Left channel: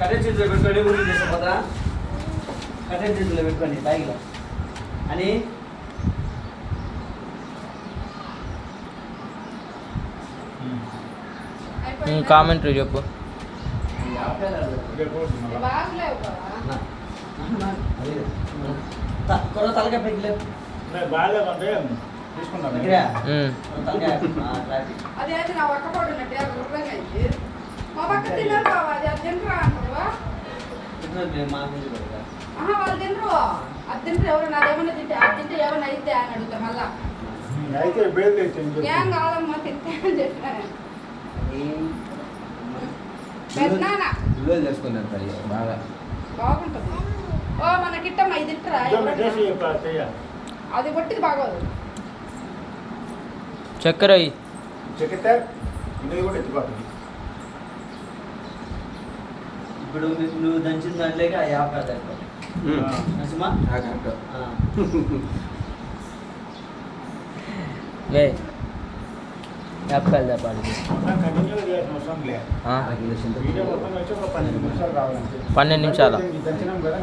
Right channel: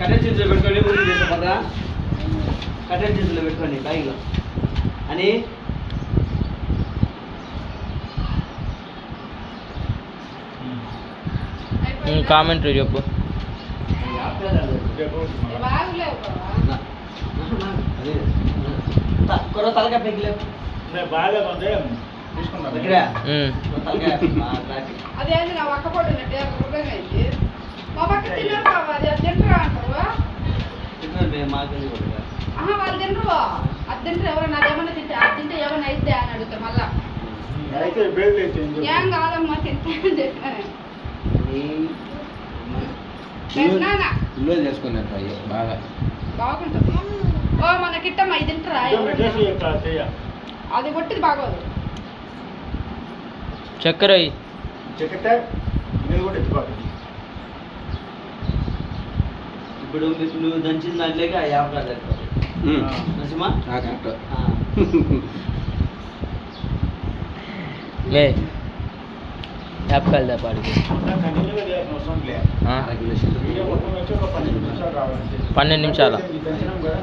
Current చేతిలో పెట్టుకొని ఊరికి తీసుకుపోతా. కరెంట్ చేతిలో పెట్టుకోండి బ్యాగ్లో అని కామెంటరీ చెప్పు. తలకాయ బాగాలేదంటే తీసుకుంటాం. అదేది నా ఒక్క పొడి ఉన్నట్టు 50 రూపాయలు అయింది. మా పక్క తిన్నారు బాబా, అది తింటారా అంటారు. వాళ్ళు తినరు, అది తింటారు. ఎవరైనా అదేమన్నా తింటే అది తింటే ఏమైనా అయితే అని అడుగుతారు. మళ్ళా అయితే బేలు ఏం కాదమ్మా తింటే అని చెప్పిన పెద్దనాన్న చేసుకున్నాను బాగుంటుంది. ఓ మన కిట్టమ్మ ఇది తింటారా? అది కొట్టిది బాగోదు. చక్కెర చెక్కితే ఇది కూడా ఎత్తుకోవాలి. ఇప్పుడు నువ్వు దంచిన దాంట్లోకి ఆ యాభై నచ్చమా లే యాప్కాయలు పాడికి కంటిన్యూగా చేయాల్సిన అవసరం లేదు. వీడియో మొత్తం వచ్చి ఒక 12 నిమిషాలు కావాలంటే 12 నిమిషాల దంచినాం కదా.